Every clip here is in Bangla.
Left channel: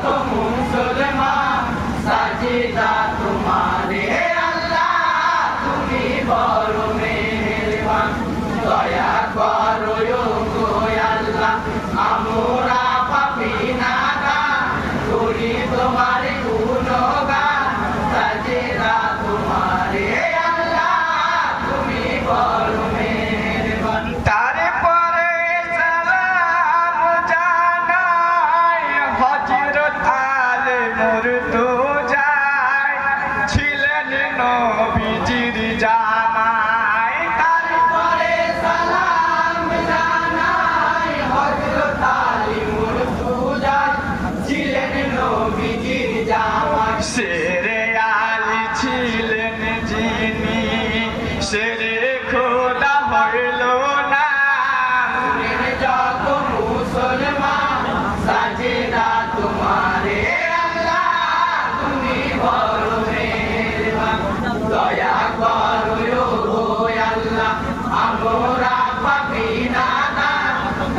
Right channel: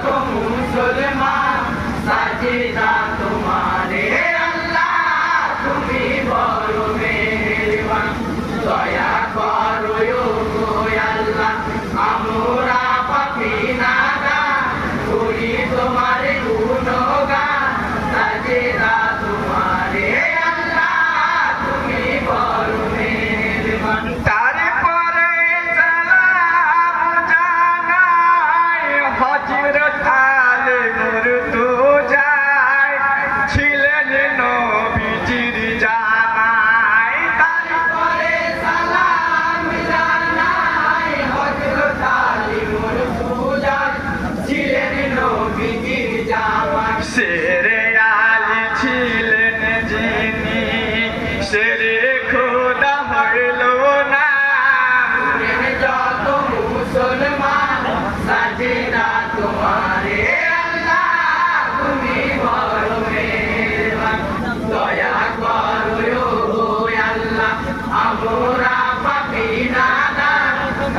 come on. হজরত আলে মোর তো যায়, ছিলেন নবীজির জামাই। তারপরে সালাম জানাই হজরত আলে মোর তো যায়, ছিলেন নবীজির জামাই। সেরে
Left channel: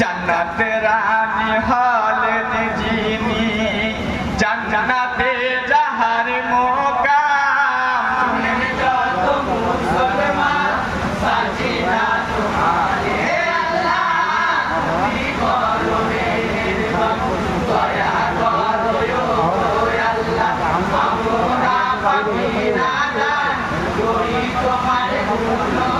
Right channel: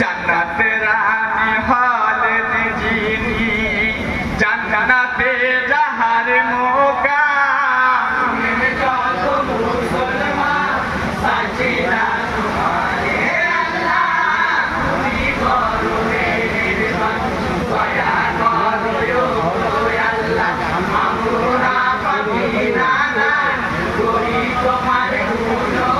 জান্নাতে রানী হলে যিনি জান্নাতে যাহার মোকা মুসলমান Sajina Glory to my Lord.